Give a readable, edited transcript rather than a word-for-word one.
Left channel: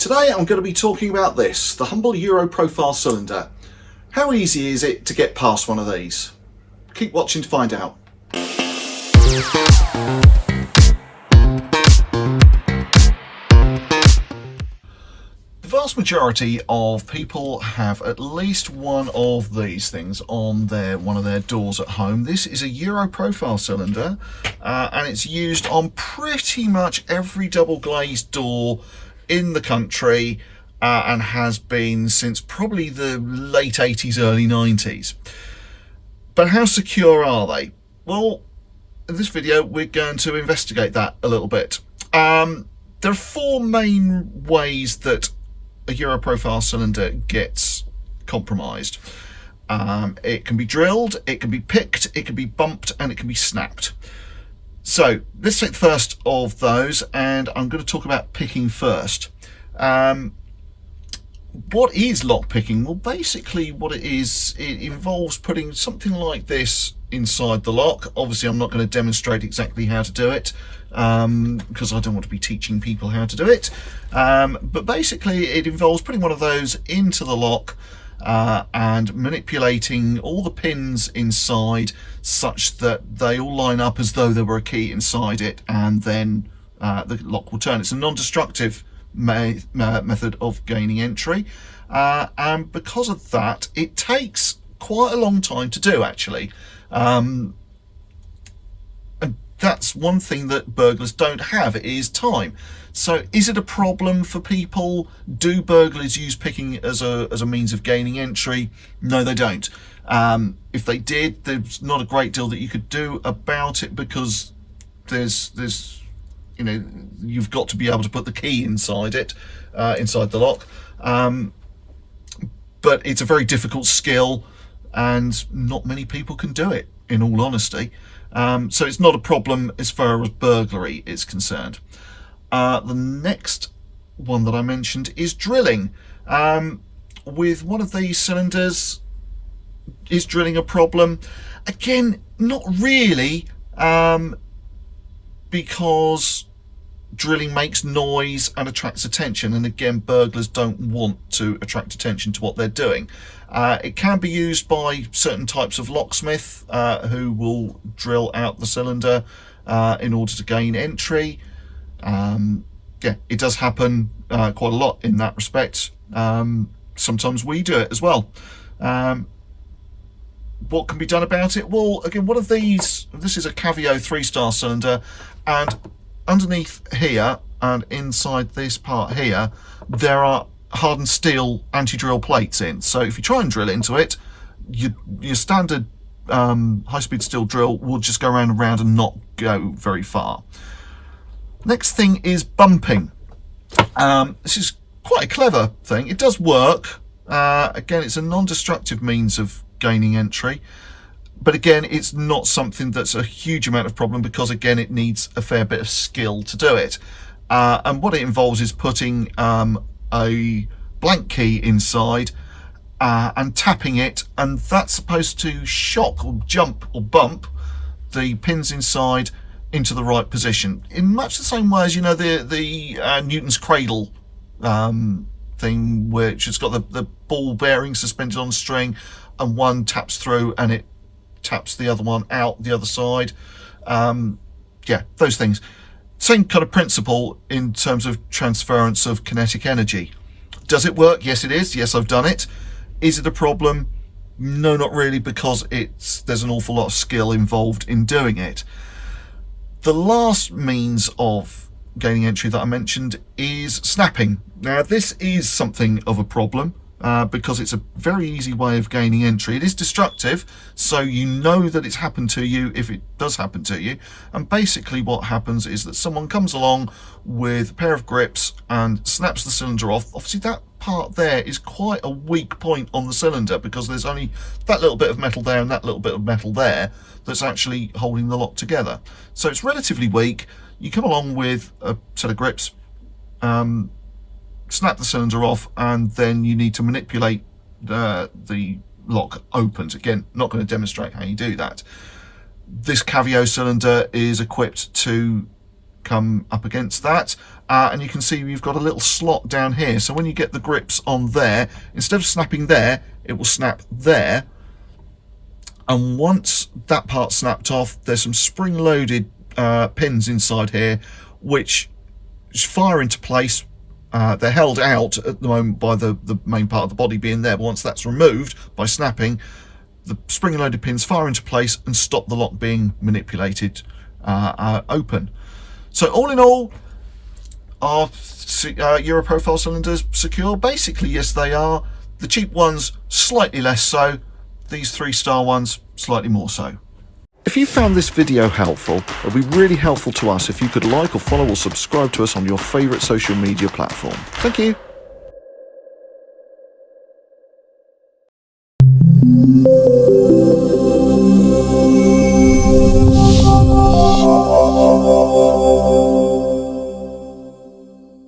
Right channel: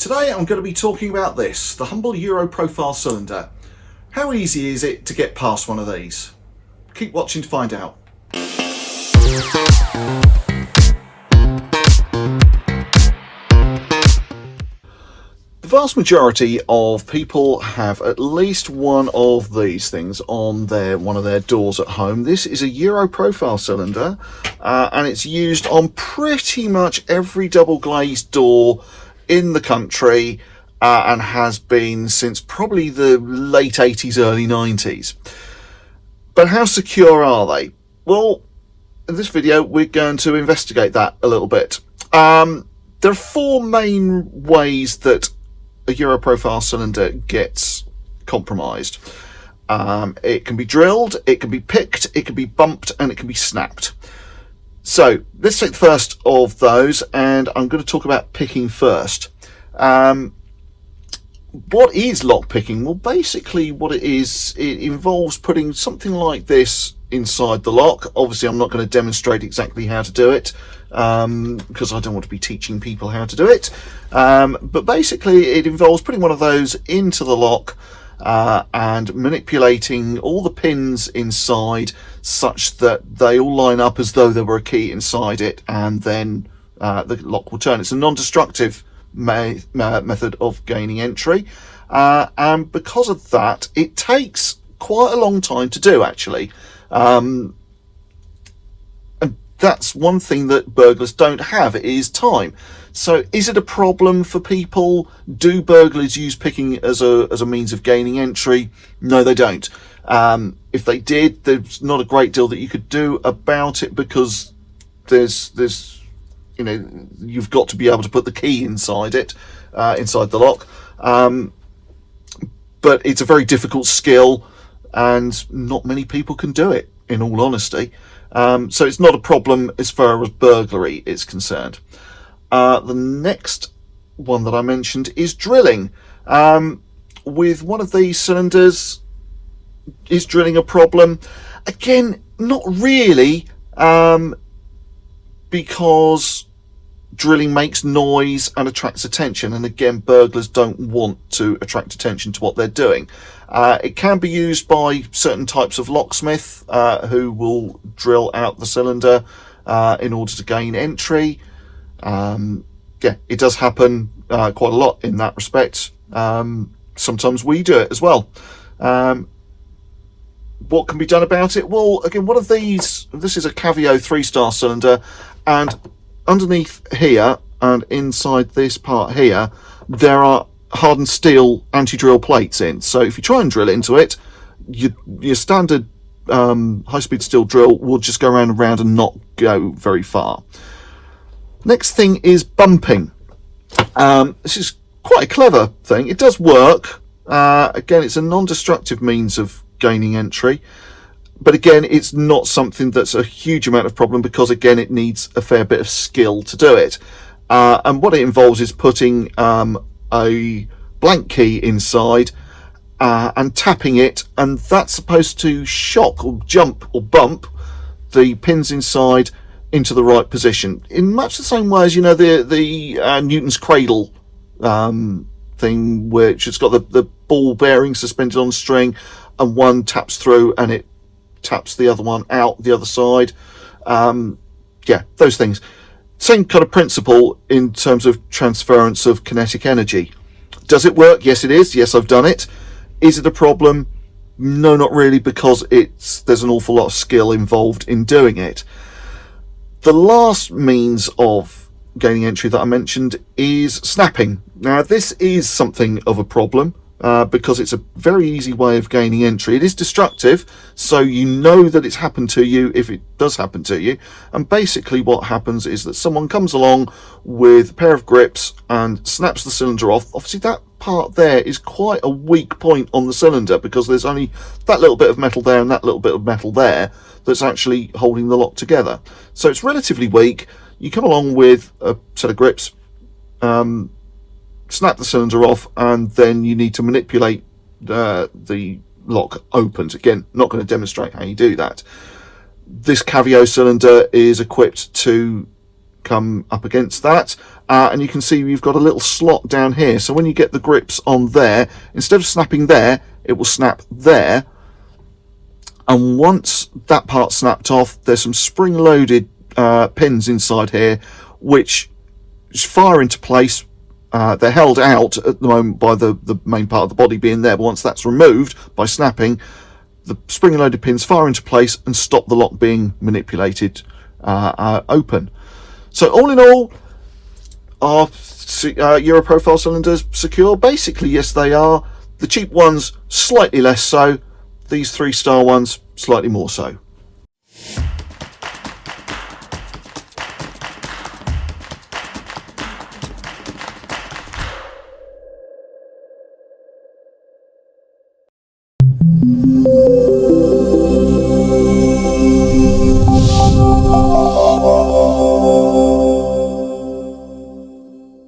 Today I'm going to be talking about this, the humble Europrofile cylinder. How easy is it to get past one of these? Keep watching to find out. The vast majority of people have at least one of these things on one of their doors at home. This is a Europrofile cylinder and it's used on pretty much every double glazed door in the country and has been since probably the late 80s, early 90s. But how secure are they? Well, in this video we're going to investigate that a little bit. There are four main ways that a Europrofile cylinder gets compromised. It can be drilled, it can be picked, it can be bumped, and it can be snapped. So let's take the first of those, and I'm going to talk about picking first. What is lock picking? Well, basically what it is, it involves putting something like this inside the lock. Obviously I'm not going to demonstrate exactly how to do it because I don't want to be teaching people how to do it, but basically it involves putting one of those into the lock and manipulating all the pins inside such that they all line up as though there were a key inside it, and then the lock will turn. It's a non-destructive method of gaining entry, and because of that it takes quite a long time to do, actually. And that's one thing that burglars don't have, is time. So is it a problem for people? Do burglars use picking as a means of gaining entry? No, they don't. If they did, there's not a great deal that you could do about it, because there's you know, you've got to be able to put the key inside it, inside the lock. But it's a very difficult skill and not many people can do it, in all honesty. So it's not a problem as far as burglary is concerned. The next one that I mentioned is drilling. With one of these cylinders, is drilling a problem? Again, not really, because drilling makes noise and attracts attention, and again, burglars don't want to attract attention to what they're doing. It can be used by certain types of locksmith who will drill out the cylinder in order to gain entry. Yeah, it does happen quite a lot in that respect. Sometimes we do it as well. What can be done about it? Well, again, one of these, this is a Cavio 3-star cylinder, and underneath here and inside this part here there are hardened steel anti-drill plates in. So if you try and drill into it, your standard high-speed steel drill will just go around and round and not go very far. Next thing is bumping. This is quite a clever thing. It does work. Again, it's a non-destructive means of gaining entry, but again, it's not something that's a huge amount of problem, because again, it needs a fair bit of skill to do it. And what it involves is putting a blank key inside and tapping it, and that's supposed to shock or jump or bump the pins inside into the right position, in much the same way as, you know, the Newton's cradle thing, which has got the ball bearing suspended on a string, and one taps through and it taps the other one out the other side. Yeah, those things. Same kind of principle in terms of transference of kinetic energy. Does it work? Yes, it is. Yes, I've done it. Is it a problem? No, not really, because there's an awful lot of skill involved in doing it. The last means of gaining entry that I mentioned is snapping. Now, this is something of a problem because it's a very easy way of gaining entry. It is destructive, so you know that it's happened to you if it does happen to you. And basically what happens is that someone comes along with a pair of grips and snaps the cylinder off. Obviously that part there is quite a weak point on the cylinder, because there's only that little bit of metal there and that little bit of metal there that's actually holding the lock together. So it's relatively weak. You come along with a set of grips, snap the cylinder off, and then you need to manipulate the lock opens. Again, not going to demonstrate how you do that. This Cavio cylinder is equipped to come up against that, and you can see you've got a little slot down here. So when you get the grips on there, instead of snapping there, it will snap there. And once that part's snapped off, there's some spring-loaded pins inside here, which fire into place. They're held out at the moment by the main part of the body being there, but once that's removed by snapping, the spring-loaded pins fire into place and stop the lock being manipulated open. So all in all, are Europrofile cylinders secure? Basically, yes, they are. The cheap ones, slightly less so. These 3-star ones, slightly more so. If you found this video helpful, it would be really helpful to us if you could like or follow or subscribe to us on your favourite social media platform. Thank you.